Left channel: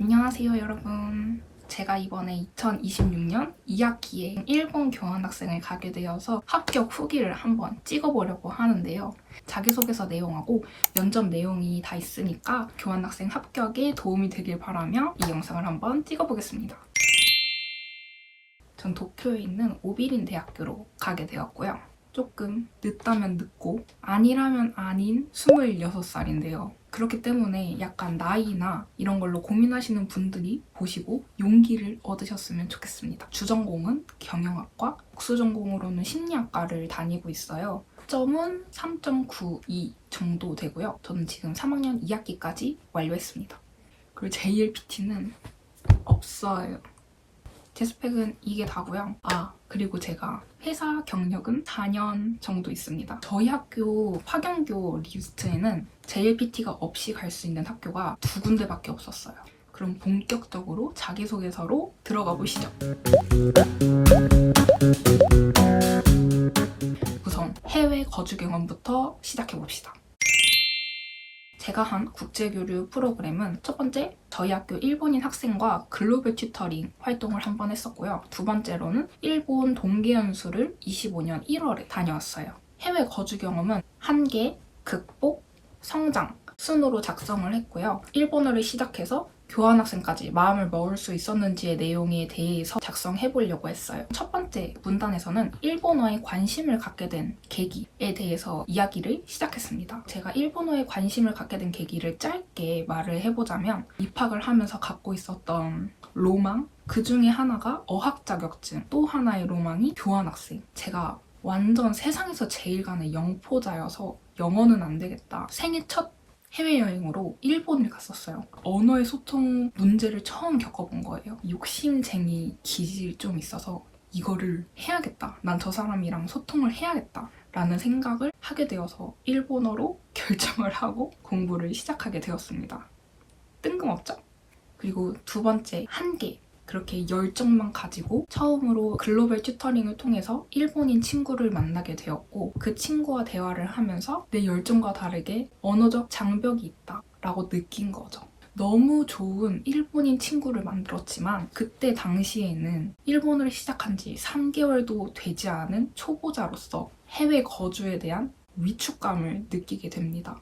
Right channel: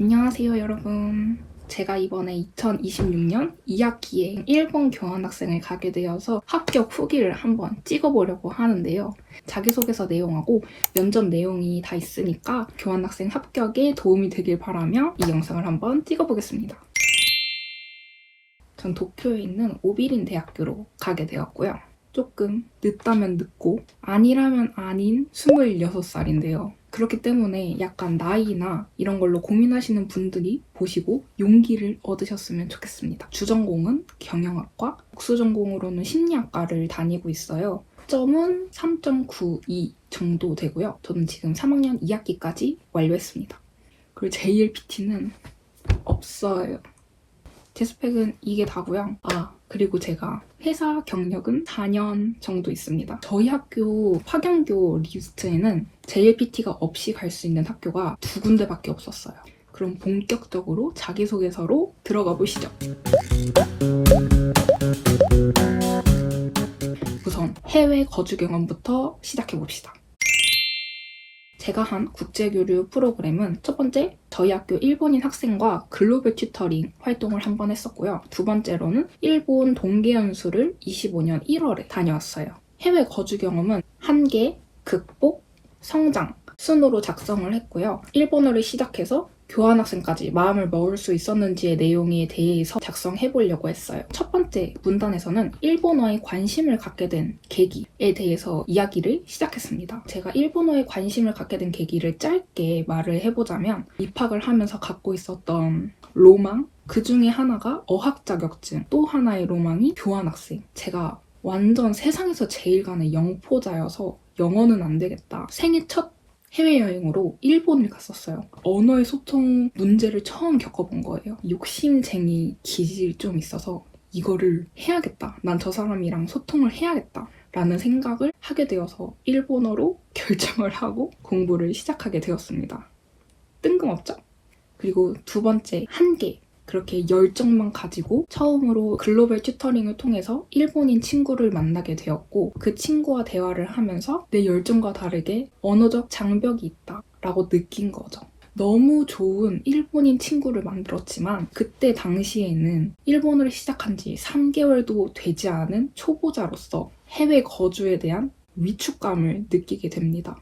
안녕하세요 여러분. 제가 이번에 2026년 2학기에 일본 교환학생을 가게 되어서 합격 후기를 한번 찍어보려고 하는데요. 자기소개서 내용하고 면접 내용이 다 있으니까 교환학생 합격에 도움이 되길 바라며 이 영상을 한번 찍어보겠습니다. 전 도쿄에 있는 오비린 대학교로 가게 되었고요. 조금 늦다면 늦고 아니라면 아닌 26살인데요. 그렇기 때문에 약간 나이나 이런 걸로 고민하시는 분들이 보시고 용기를 얻으셨으면 좋겠습니다. 주전공은 경영학과, 복수전공으로는 심리학과를 다니고 있어요. 점은 3.92 정도 되고요. 저는 지금 3학년 2학기까지 완료했습니다. 그리고 JLPT는 없어요. 제 스펙은 이게 다고요. 그리고 제가 회사 경력은 4년 정도 있습니다. 저희 학교 파견교 리스트에는 JLPT가 없이 갈 수 있는 학교가 2군데밖에 없었어요. 그럼 본격적으로 자기소개서로 들어가 보시죠. 우선 해외 거주 경험부터 시작해봅시다. 제가 한 국제교류 프로그램은 첫 번째, 저희 학교 일본인 학생과 글로벌 튜터링 활동을 한 번 했었고요. 두 번째로는 일본 동계연수를 25년 1월에 다녀왔어요. 해외 거주 경험은 한계, 극복, 성장 순으로 작성을 했고요. 일본어를 시작해서 교환학생까지 마음을 먹을 수 있었는지의 내용에 대해서 작성해보려고 했어요. 첫 번째 문단에서는 일본어에 관심을 갖게 된 계기에 대해서 이야기를 시작했습니다. 제가 일본어에 관심을 갖게 된 계기를 짧게 말을 해보자면 입학을 하면서 갖고 있었던 로망, 그 중에 하나가 어학 자격증, 또 하나의 로망이 교환학생. 제가 완전 세상에서 제일 가는 영포자여서 영어는 안 되겠다. 생애 첫 해외여행으로 일본을 갔었어요. 언어의 소통 문제를 처음 겪어본 거예요. 욕심쟁이 기질이 좀 있어서 이거를 해야겠다. 난 저 사람이랑 소통을 해야겠다. 라는 생각을 하게 되어서 일본어로 결정을 하고 공부를 시작하게 되었습니다. 뜬금없죠? 그리고 두 번째, 한계. 그렇게 열정만 가지고 처음으로 글로벌 튜터링을 통해서 일본인 친구를 만나게 되었고 그 친구와 대화를 하면서 내 열정과 다르게 언어적 장벽이 있다라고 느낀 거죠. 너무 좋은 일본인 친구를 만들었지만 그때 당시에는 일본어를 시작한 지 3개월도 되지 않은 초보자로서 해외 거주에 대한 위축감을 느끼게 됩니다.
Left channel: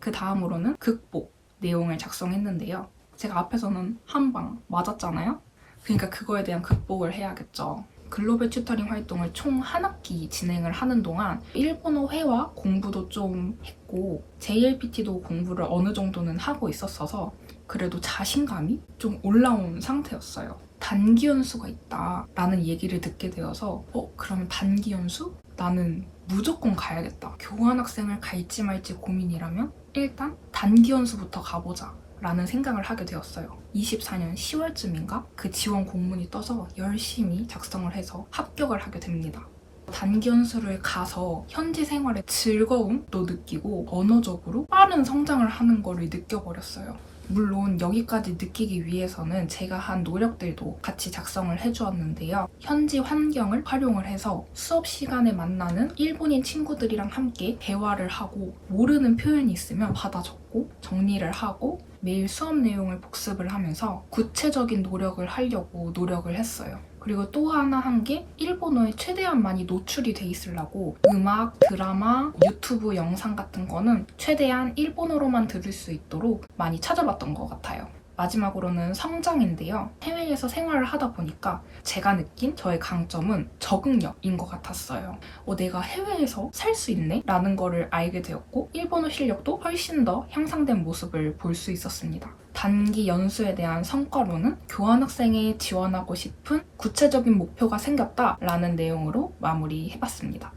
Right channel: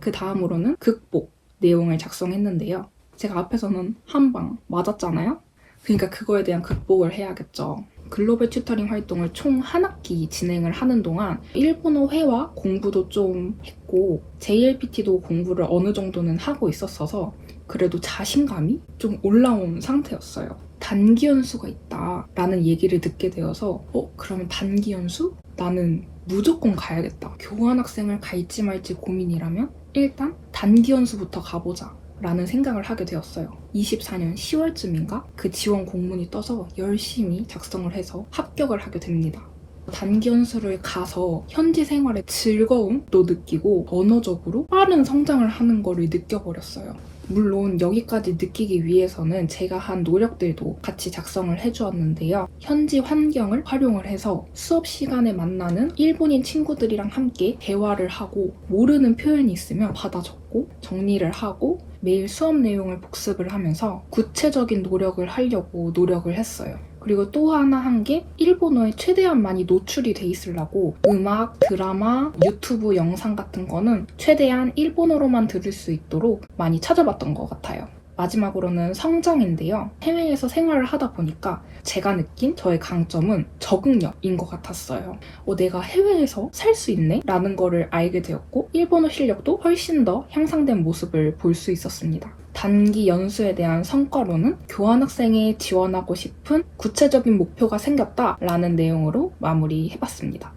그 다음으로는 극복 내용을 작성했는데요. 제가 앞에서는 한 방 맞았잖아요. 그러니까 그거에 대한 극복을 해야겠죠. 글로벌 튜터링 활동을 총 한 학기 진행을 하는 동안 일본어 회화 공부도 좀 했고 JLPT도 공부를 어느 정도는 하고 있었어서 그래도 자신감이 좀 올라온 상태였어요. 단기 연수가 있다라는 얘기를 듣게 되어서 그러면 단기 연수? 나는 무조건 가야겠다. 교환학생을 갈지 말지 고민이라면 일단 단기 연수부터 가보자. 라는 생각을 하게 되었어요. 24년 10월쯤인가 그 지원 공문이 떠서 열심히 작성을 해서 합격을 하게 됩니다. 단기 연수를 가서 현지 생활의 즐거움도 느끼고 언어적으로 빠른 성장을 하는 거를 느껴버렸어요. 물론 여기까지 느끼기 위해서는 제가 한 노력들도 같이 작성을 해주었는데요. 현지 환경을 활용을 해서 수업 시간에 만나는 일본인 친구들이랑 함께 대화를 하고 모르는 표현이 있으면 받아 적고 정리를 하고 매일 수업 내용을 복습을 하면서 구체적인 노력을 하려고 노력을 했어요. 그리고 또 하나 한 게 일본어에 최대한 많이 노출이 돼 있으려고 음악, 드라마, 유튜브 영상 같은 거는 최대한 일본어로만 들을 수 있도록 많이 찾아봤던 것 같아요. 마지막으로는 성장인데요. 해외에서 생활을 하다 보니까 제가 느낀 저의 강점은 적응력인 것 같았어요. 내가 해외에서 살 수 있네? 라는 거를 알게 되었고 일본어 실력도 훨씬 더 향상된 모습을 볼 수 있었습니다. 단기 연수에 대한 성과로는 교환학생에 지원하고 싶은 구체적인 목표가 생겼다라는 내용으로 마무리해봤습니다.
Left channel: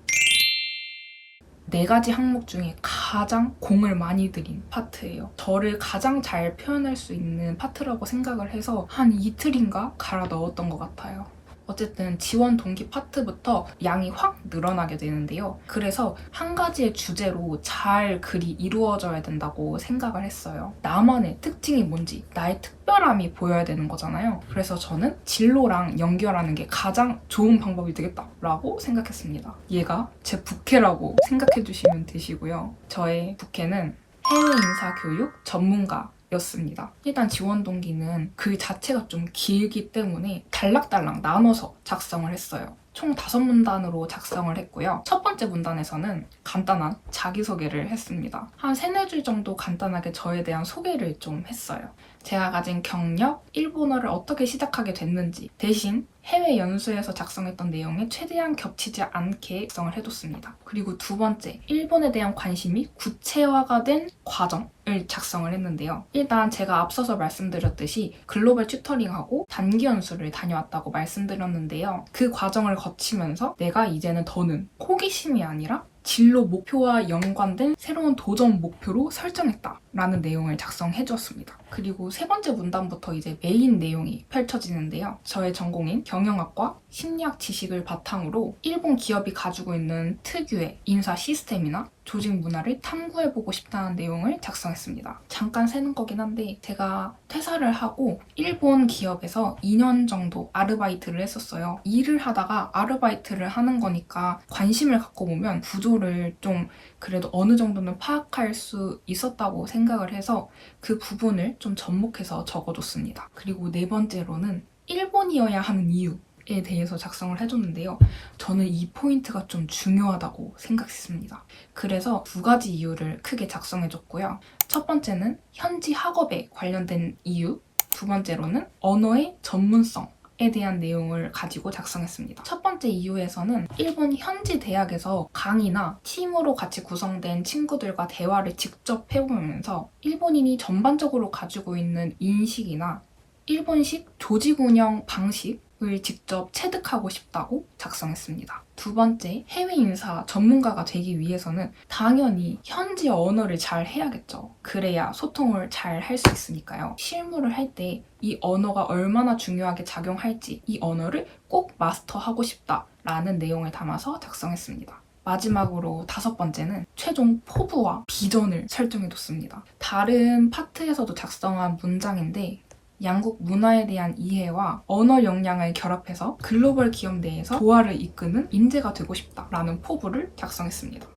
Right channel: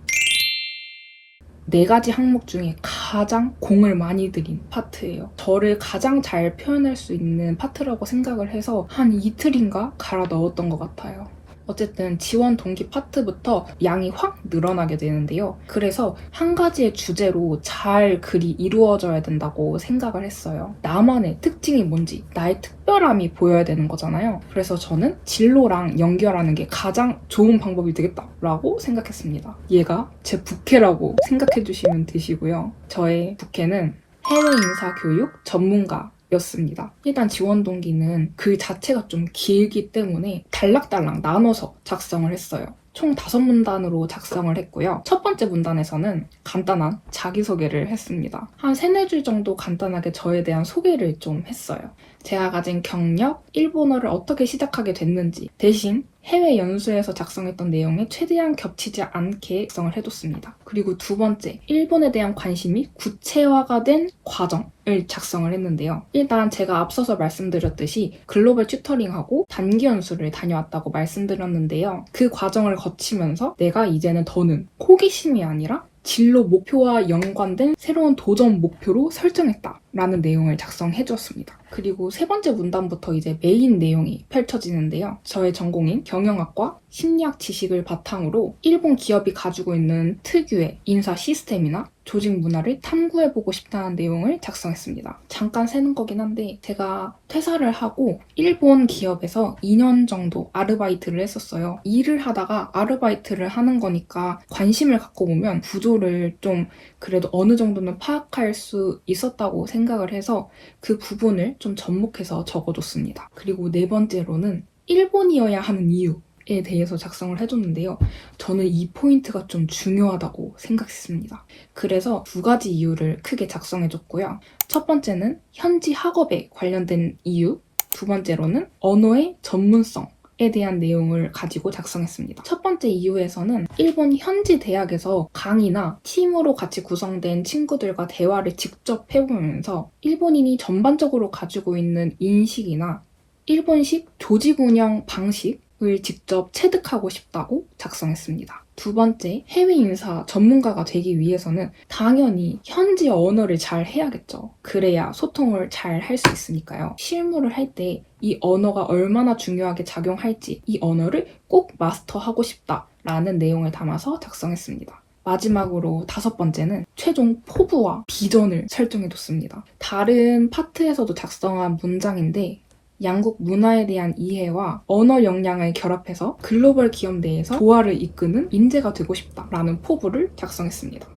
4가지 항목 중에 가장 공을 많이 들인 파트예요. 저를 가장 잘 표현할 수 있는 파트라고 생각을 해서 한 이틀인가 갈아 넣었던 것 같아요. 어쨌든 지원 동기 파트부터 양이 확 늘어나게 되는데요. 그래서 한 가지의 주제로 잘 글이 이루어져야 된다고 생각을 했어요. 나만의 특징이 뭔지, 나의 특별함이 보여야 되는 거잖아요. 그래서 저는 진로랑 연결하는 게 가장 좋은 방법이 되겠다라고 생각했습니다. 얘가 제 부캐라고 생각해 주시면 되시고요. 저의 부캐는 해외 인사 교육 전문가 였습니다. 일단 지원 동기는 글 자체가 좀 길기 때문에 단락단락 나눠서 작성을 했어요. 총 5문단으로 작성을 했고요. 첫 번째 문단에서는 간단한 자기소개를 했습니다. 한 3-4줄 정도 간단하게 저에 대한 소개를 좀 했어요. 제가 가진 경력, 일본어를 어떻게 시작하게 됐는지, 대신 해외 연수에서 작성했던 내용에 최대한 겹치지 않게 작성을 해뒀습니다. 그리고 두 번째, 일본에 대한 관심이 구체화가 된 과정을 작성을 했는데요. 일단 제가 앞서서 말씀드렸듯이 글로벌 튜터링하고 단기 연수를 다녀왔다고 말씀드렸는데요. 그 과정을 거치면서 내가 이제는 더는 호기심이 아니라 진로 목표와 연관된 새로운 도전 목표로 설정했다라는 내용을 작성해 주었습니다. 그리고 세 번째 문단부터 이제 메인 내용이 펼쳐지는데요. 저의 전공인 경영학과 심리학 지식을 바탕으로 일본 기업이 가지고 있는 특유의 인사 시스템이나 조직 문화를 탐구해보고 싶다는 내용을 작성했습니다. 잠깐 새는 거긴 한데 제가 퇴사를 하고 일본 기업에서 2년 정도 아르바이트를 했었어요. 일을 하다가 아르바이트를 하는 거니까 관심을 갖고 보면 구조를 좀 그래도 어느 정도는 파악할 수 있었다고 생각을 해서 그 부분을 좀 접목해서 적어줬습니다. 그리고 네 번째로는 일본이어야 하는 이유에 대해서 작성을 해줬는데요. 저는 이 포인트가 좀 중요하다고 생각했습니다. 그래서 2가지 이유를 크게 작성해줬고요. 첫 번째는 현지 학업에 관련된 이유, 두 번째로는 언어의 전문성에 대한 내용을 가지고 작성했습니다. 첫 번째 이유에서는 일본 현지 대학에서 강의나 팀으로 같이 구성된 친구들과 대화를 직접 해보면서 일본인이 전반적으로 가지고 있는 인식이나 일본식 조직 운영 방식을 직접 체득하고 싶다고 작성했습니다. 두 번째, 해외 인사 전문가가 되기 위해서는 당연히 현지 언어를 잘 해야겠죠. 그래야 소통을 잘 할 수 있으니까요. 실무를 할 때 이 언어가 얼마나 중요하게 작용할지 이 언어를 꼭 마스터하고 싶다라는 내용을 담아서 작성했습니다. 마지막으로 5번째는 최종 포부와 비전을 설정해뒀습니다. 다른 파트에서도 작성한 문장인데 양국 문화에 대한 이해와 언어 역량을 결합해서 글로벌 기업 내에서 조화를 이끄는 인재가 되고 싶다라는 포부를 작성했습니다.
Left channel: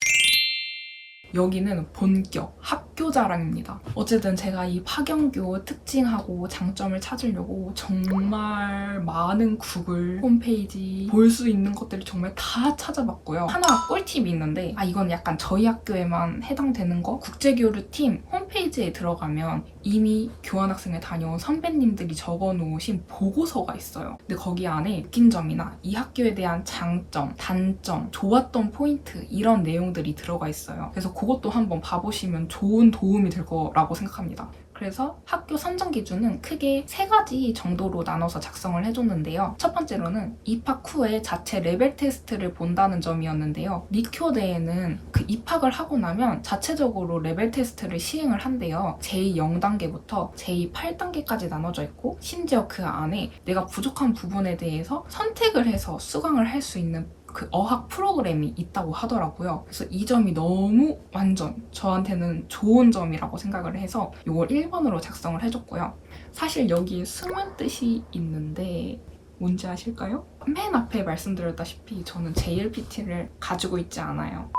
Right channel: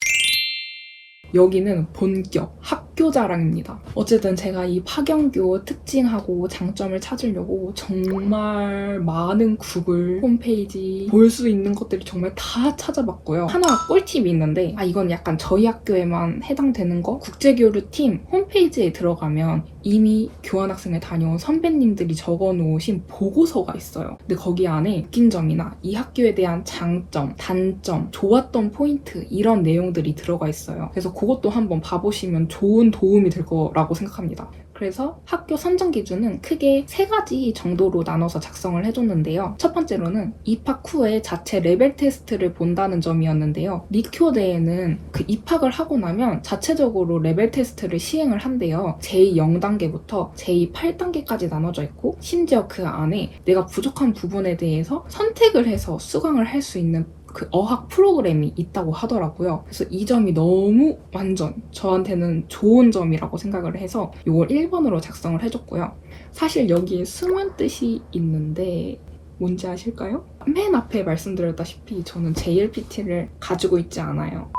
여기는 본격 학교 자랑입니다. 어쨌든 제가 이 파경교 특징하고 장점을 찾으려고 정말 많은 구글 홈페이지 볼 수 있는 것들을 정말 다 찾아봤고요. 하나 꿀팁이 있는데 이건 약간 저희 학교에만 해당되는 거? 국제교류팀 홈페이지에 들어가면 이미 교환학생을 다녀온 선배님들이 적어놓으신 보고서가 있어요. 근데 거기 안에 느낀 점이나 이 학교에 대한 장점, 단점, 좋았던 포인트 이런 내용들이 들어가 있어요. 그래서 그것도 한번 봐보시면 좋은 도움이 될 거라고 생각합니다. 그래서 학교 선정 기준은 크게 3가지 정도로 나눠서 작성을 해줬는데요. 첫 번째로는 입학 후에 자체 레벨 테스트를 본다는 점이었는데요. 리쿄대에는 그 입학을 하고 나면 자체적으로 레벨 테스트를 시행을 한대요. 제2 0단계부터 제2 8단계까지 나눠져 있고 심지어 그 안에 내가 부족한 부분에 대해서 선택을 해서 수강을 할 수 있는 그 어학 프로그램이 있다고 하더라고요. 그래서 이 점이 너무 완전 저한테는 좋은 점이라고 생각을 해서 이걸 1번으로 작성을 해줬고요. 사실 여기에 숨은 뜻이 있는데 뭔지 아실까요? 맨 앞에 말씀드렸다시피 저는 JLPT를 가지고 있지 않아요.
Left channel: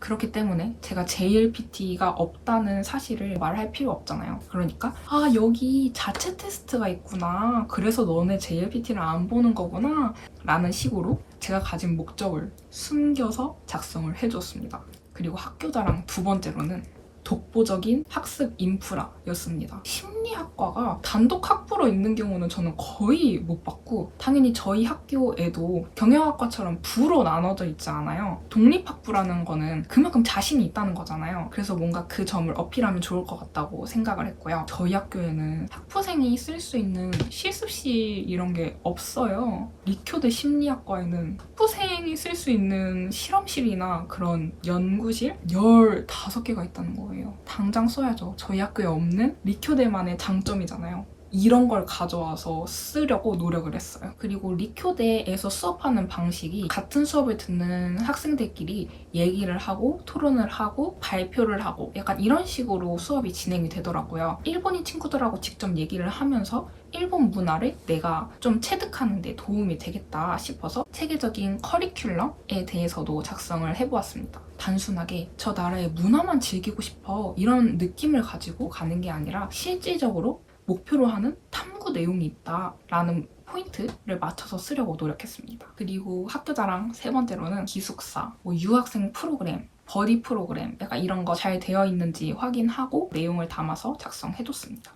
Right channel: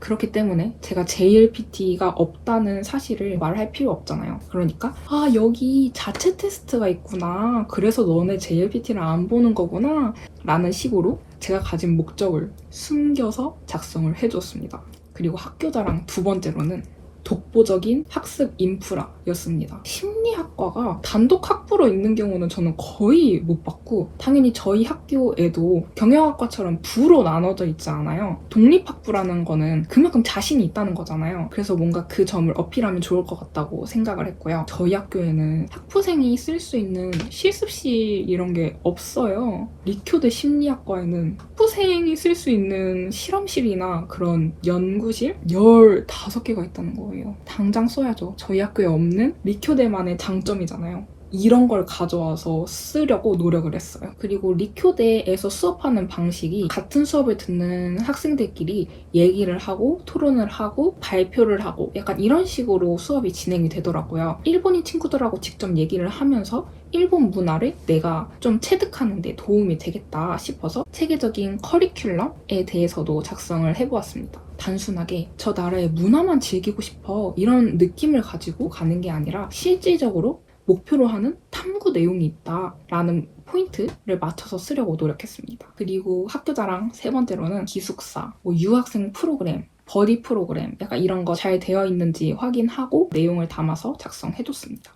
그렇기 때문에 제가 JLPT가 없다는 사실을 말할 필요 없잖아요. 그러니까 여기 자체 테스트가 있구나. 그래서 너네 JLPT를 안 보는 거구나. 라는 식으로 제가 가진 목적을 숨겨서 작성을 해줬습니다. 그리고 학교 자랑 2번째로는 독보적인 학습 인프라였습니다. 심리학과가 단독 학부로 있는 경우는 저는 거의 못 봤고 당연히 저희 학교에도 경영학과처럼 부로 나눠져 있지 않아요. 독립학부라는 거는 그만큼 자신이 있다는 거잖아요. 그래서 뭔가 그 점을 어필하면 좋을 것 같다고 생각을 했고요. 저희 학교에는 학부생이 쓸 수 있는 실습실 이런 게 없어요. 리쿄대 심리학과에는 학부생이 쓸 수 있는 실험실이나 그런 연구실 15개가 있다는 거예요. 당장 써야죠. 저희 학교에 없는 리쿄대만의 장점이잖아요. 이런 걸 가져와서 쓰려고 노력을 했어요. 그리고 리쿄대에서 수업하는 방식이 같은 수업을 듣는 학생들끼리 얘기를 하고 토론을 하고 발표를 하고 약간 이런 식으로 수업이 진행이 되더라고요. 일본인 친구들하고 직접 얘기를 하면서 일본 문화를 내가 좀 체득하는 데 도움이 되겠다 싶어서 체계적인 커리큘럼에 대해서도 작성을 해보았습니다. 단순하게 저 나라의 문화만 즐기고 싶어 이런 느낌을 가지고 가는 게 아니라 실질적으로 목표로 하는 탐구 내용이 있다라는 포인트를 맞춰서 쓰려고 노력했습니다. 그리고 학교자랑 세 번째로는 기숙사, 유학생 프로그램, 버디 프로그램 약간 이런 거 잘 되어 있는지 확인하고 내용을 담아서 작성해뒀습니다.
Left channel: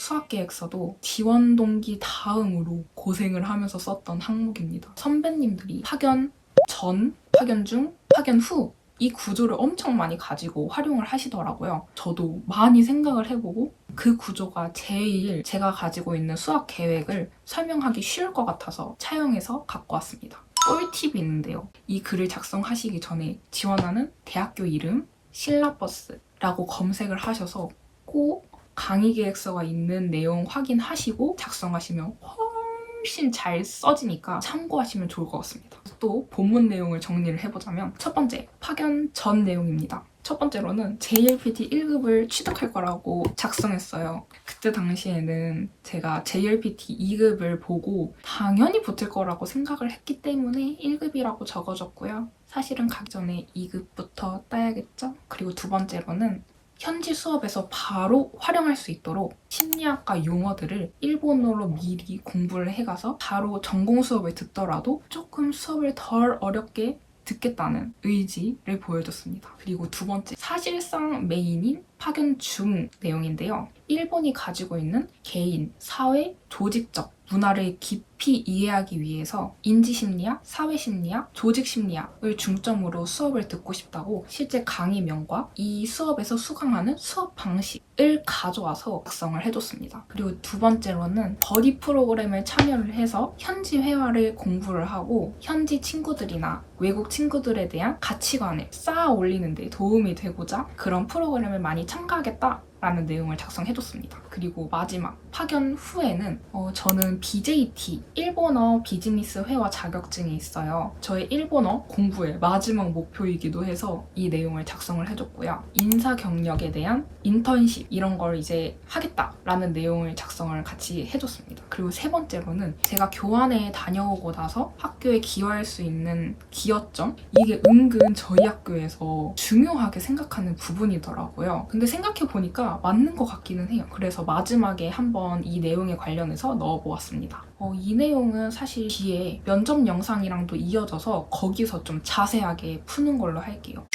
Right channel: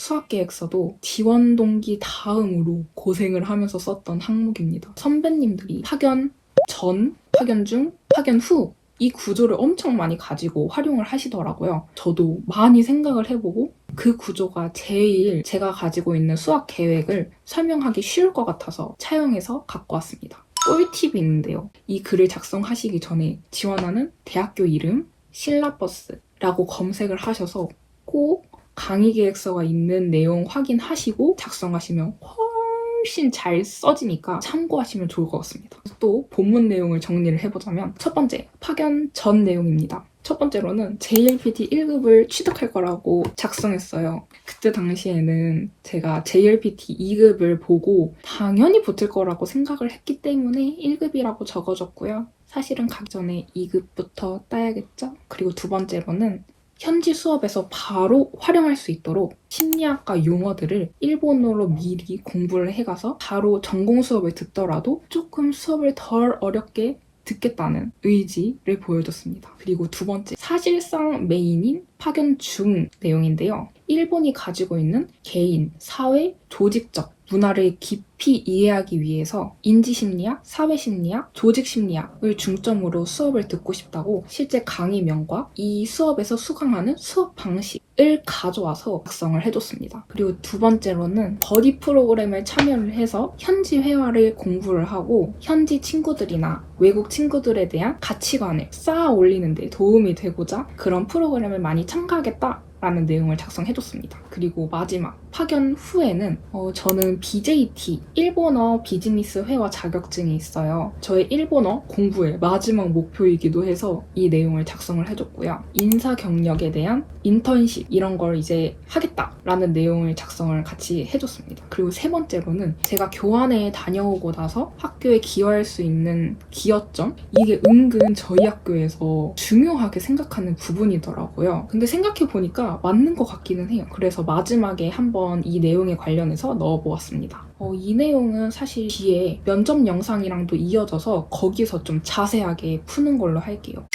수학계획서도 지원 동기 다음으로 고생을 하면서 썼던 항목입니다. 선배님들이 파견 전, 파견 중, 파견 후 이 구조를 엄청 많이 가지고 활용을 하시더라고요. 저도 많이 생각을 해보고 그 구조가 제일 제가 가지고 있는 수학 계획을 설명하기 쉬울 것 같아서 차용해서 갖고 왔습니다. 꿀팁이 있는데요. 이 글을 작성하시기 전에 지원하는 대학교 이름, 실라버스라고 검색을 하셔서 꼭 강의 계획서가 있는 내용 확인하시고 작성하시면 훨씬 잘 써지니까 참고하시면 좋을 것 같습니다. 또 본문 내용을 정리를 해보자면 첫 번째, 파견 전 내용입니다. 첫 번째로는 JLPT 1급을 취득할 거라고 작성했어요. 그때 당시에는 제가 JLPT 2급을 보고 당연히 붙을 거라고 생각을 했기 때문에 1급이라고 적어줬고요. 사실은 가기 전에 2급부터 따야겠죠? 그리고 두 번째로는 현지 수업에서 바로 활용할 수 있도록 심리학과 용어들을 일본어로 미리 공부를 해가서 바로 전공 수업을 듣더라도 조금 수업을 덜 어렵게 듣겠다는 의지를 보여줬습니다. 그리고 두 번째, 사실상 메인인 파견 중 내용인데요. 일본이 가지고 있는 개인, 사회, 조직적 문화를 깊이 이해하기 위해서 인지심리학, 사회심리학, 조직심리학을 중점으로 수업을 듣고 싶다고 실제 강의명과 이 수업에서 수강하는 수업 방식을 가져와서 작성을 해줬습니다. 그리고 두 번째로는 버디 프로그램을 참여를 해서 현지 회화를 공부를 하고 현지 친구들이나 외국 친구들에 대한 가치관을 쌓아 올리는 데 도움이 되고자 그런 프로그램을 많이 참가하겠다 라는 내용을 작성해줬습니다. 그리고 마지막, 파견 후에는 저는 BJT, 일본어 비즈니스 회화 자격증이 있어요. 저의 일본어 공부의 마지막 목표이기도 해서 이 내용을 작성을 해줬고요. 인사 경력에 대한 인턴십 이런 걸 이제 하겠다라는 내용을 작성을 같이 해줬습니다. 그리고 세 번째로는 제가 교환에 다녀오고 나서 학교에 기여할 수 있는 기여점? 이게 은근 저희 학교에서 중요하게 생각하는 부분이더라고요. 근데 생각해보니까 맞는 것 같기는 해요. 그래서 마지막에 한번 이 내용에 관련해서 넣어보았습니다. 이 내용은 사실 뒤에 면접 영상이랑도 이어져서 거기서 좀 자세하게 푸는 걸로 할게요.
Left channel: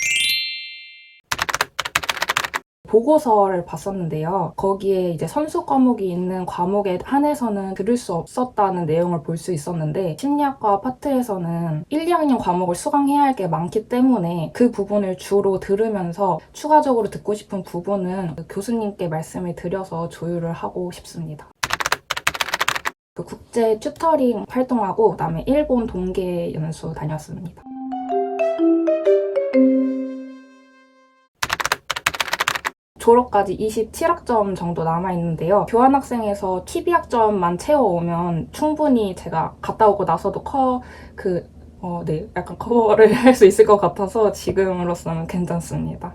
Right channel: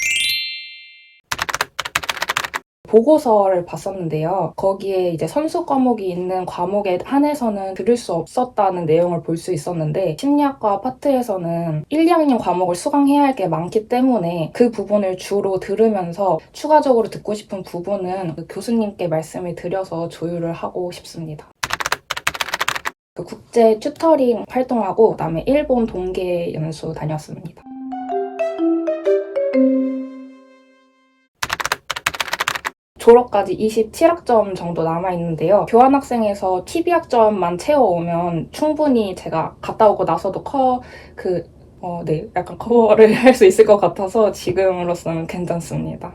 보고서를 봤었는데요. 거기에 이제 선수 과목이 있는 과목에 한해서는 들을 수 없었다는 내용을 볼 수 있었는데 심리학과 파트에서는 1, 2학년 과목을 수강해야 할 게 많기 때문에 그 부분을 주로 들으면서 추가적으로 듣고 싶은 부분은 교수님께 말씀을 드려서 조율을 하고 싶습니다. 국제 튜터링 활동하고 그다음에 일본 동계 연수 다녔습니다. 졸업까지 27학점 정도 남아있는데요. 교환학생에서 TV학점만 채워오면 충분히 제가 갔다 오고 나서도 약간 커버를 할 수 있을 것 같아서 지금으로서는 괜찮습니다.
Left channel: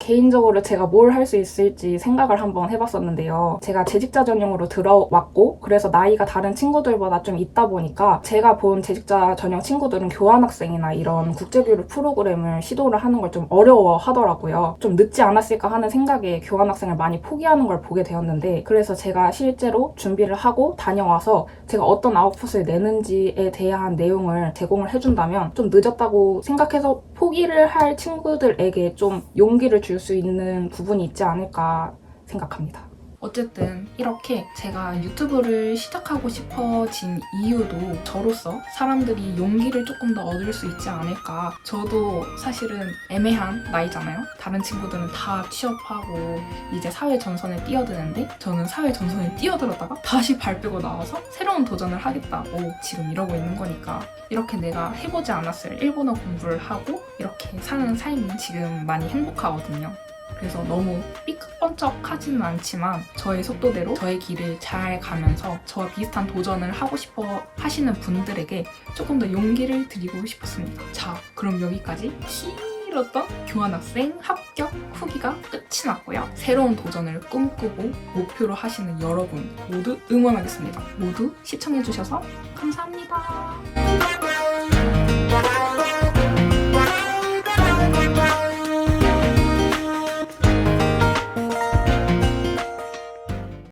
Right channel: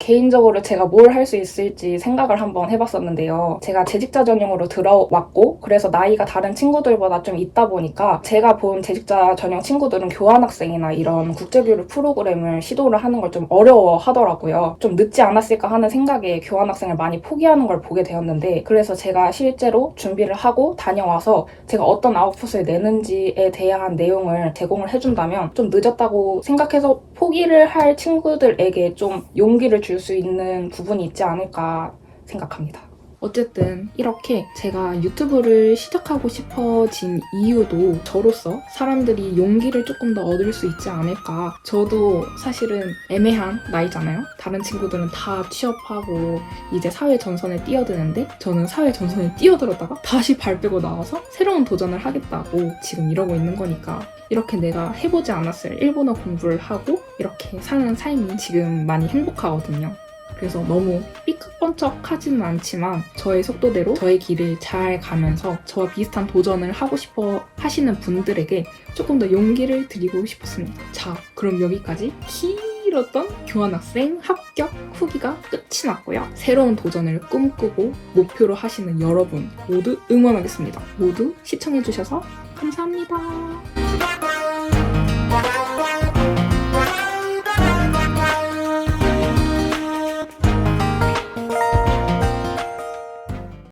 개인적으로 제가 뭘 할 수 있을지 생각을 한번 해봤었는데요. 제가 재직자 전형으로 들어왔고 그래서 나이가 다른 친구들보다 좀 있다 보니까 제가 본 재직자 전형 친구들은 교환학생이나 이런 국제교류 프로그램을 시도를 하는 걸 좀 어려워하더라고요. 좀 늦지 않았을까 하는 생각에 교환학생을 많이 포기하는 걸 보게 되었는데 그래서 제가 실제로 준비를 하고 다녀와서 제가 어떤 아웃풋을 내는지에 대한 내용을 제공을 해준다면 좀 늦었다고 생각해서 포기를 할 친구들에게 좀 용기를 줄 수 있는 부분이 있지 않을까 생각합니다. 어쨌든 이렇게 제가 유튜브를 시작하고 싶어진 이유도 저로서 사람들이 용기를 조금 더 얻을 수 있지 않을까. 저도 사실은 애매한 나이잖아요. 다른 친구들은 다 취업하고 이제 사회 전선에 뛰어드는데 저는 사회 전선에 뛰어들었다가 다시 발 빼고 나와서 새로운 도전을 하겠다고 지금 이러고 있는 거니까 이렇게 내가 해보지 않았을 일본어 공부를 하고 이렇게 사는 삶이 지금 많이 행복하거든요. 그래서 너무 삐걱번쩍하지는 않지만 저의 속도대로 저의 길을 잘 가면서 저와 비슷한 도전을 하고 싶어 하시는 분들에게 조금 더 용기를 드리고 싶었습니다. 자, 그럼 여기까지 길었던 교환학생 합격 후기가 끝이 났고요. 새로운 도전을 꿈꾸고 목표로 하시는 여러분 모두 응원하겠습니다. 모두 시청해주셔서 감사합니다.